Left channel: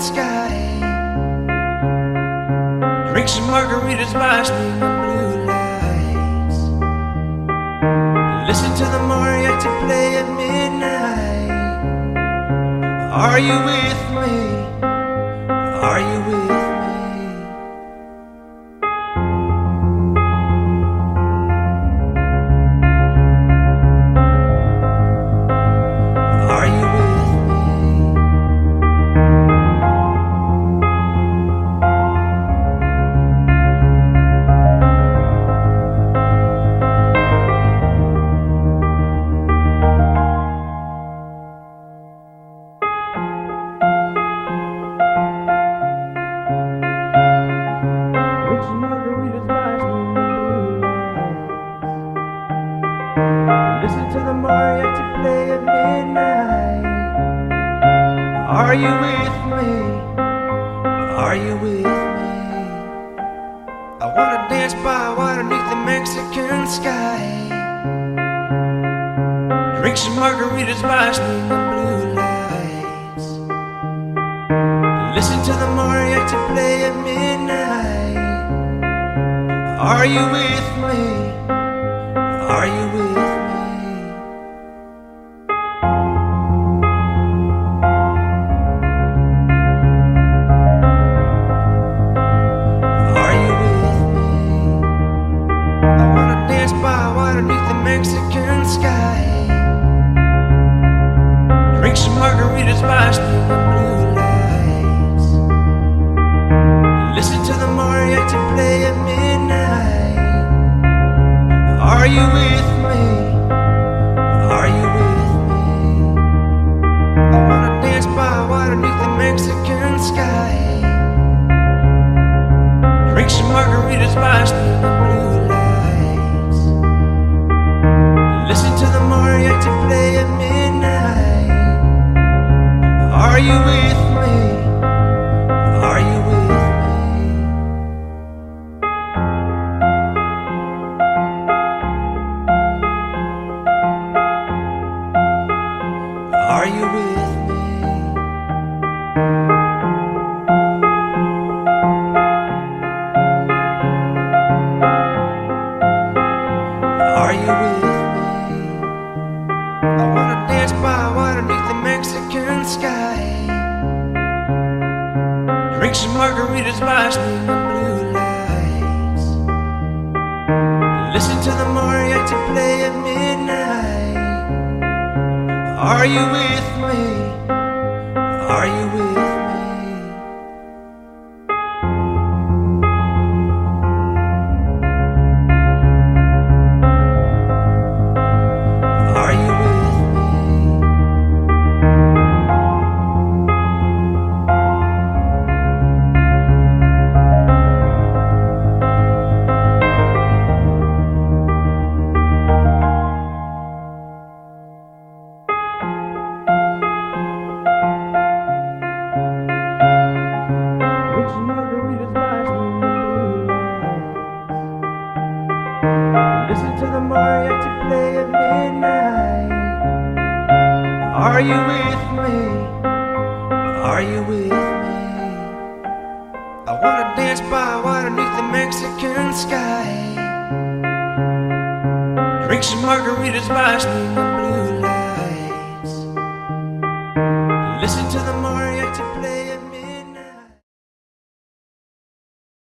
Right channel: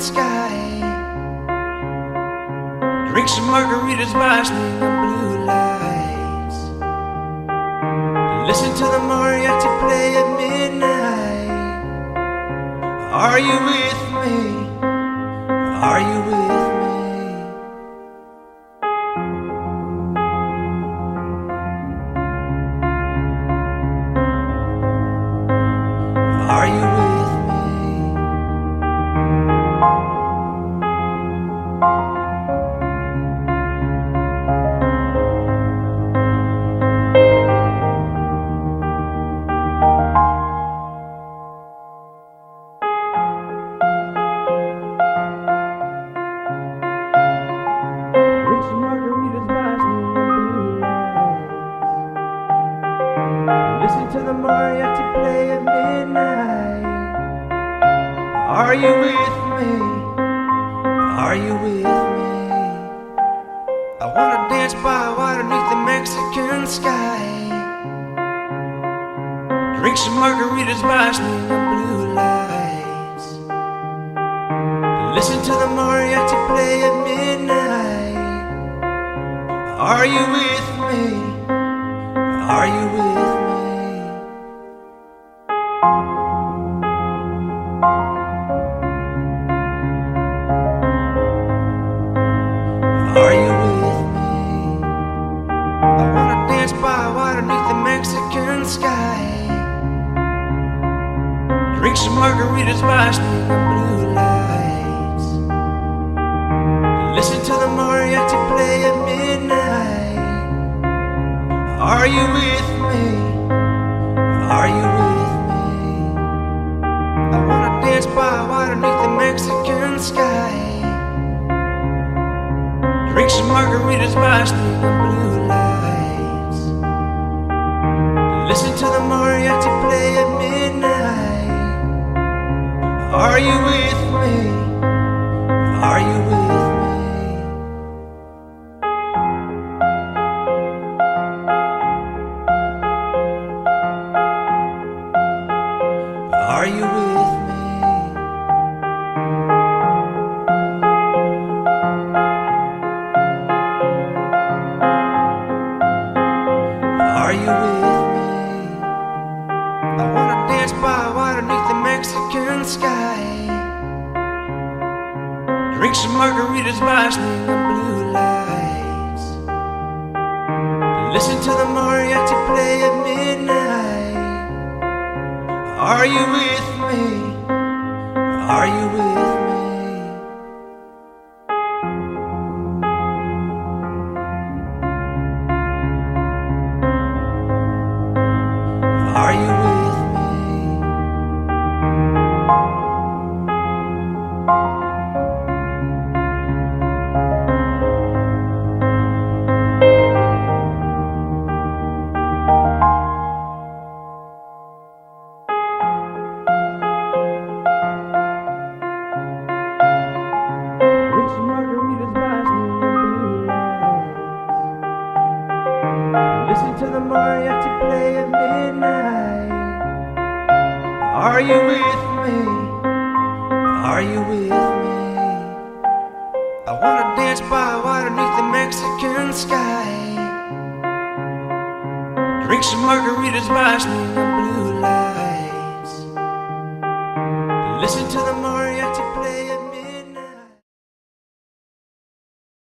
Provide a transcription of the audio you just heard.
sky. Drink some margaritas by swing of blue lights. Listen to the mariachi play at midnight. Are you with me? Are you with me? Are you with me? Drink some margaritas by swing of blue lights. Listen to the mariachi play at midnight. Are you with me? Are you with me? I wanna dance by water beneath the Mexican sky. Drink some margaritas by swing of blue lights. Listen to the mariachi play at midnight. Are you with me? Are you with me? Are you with me? I wanna dance by water beneath the Mexican sky. Drink some margaritas by swing of blue lights. Listen to the mariachi play at midnight. Are you with me? Are you with me? I wanna dance by water beneath the Mexican sky. Drink some margaritas by swing of blue lights. Listen to the mariachi play at midnight. Are you with me? Are you with me? Are you with me? Are you with me? I wanna dance by water beneath the Mexican sky. Drink some margaritas by swing of blue lights. Listen to the mariachi play at midnight. Are you with me? Are you with me? Are you with me? Drink some margaritas by swing of blue lights. Listen to the mariachi play at midnight. Are you with me? Are you with me? I wanna dance by water beneath the Mexican sky. Drink some margaritas by swing of blue lights. Listen to the mariachi play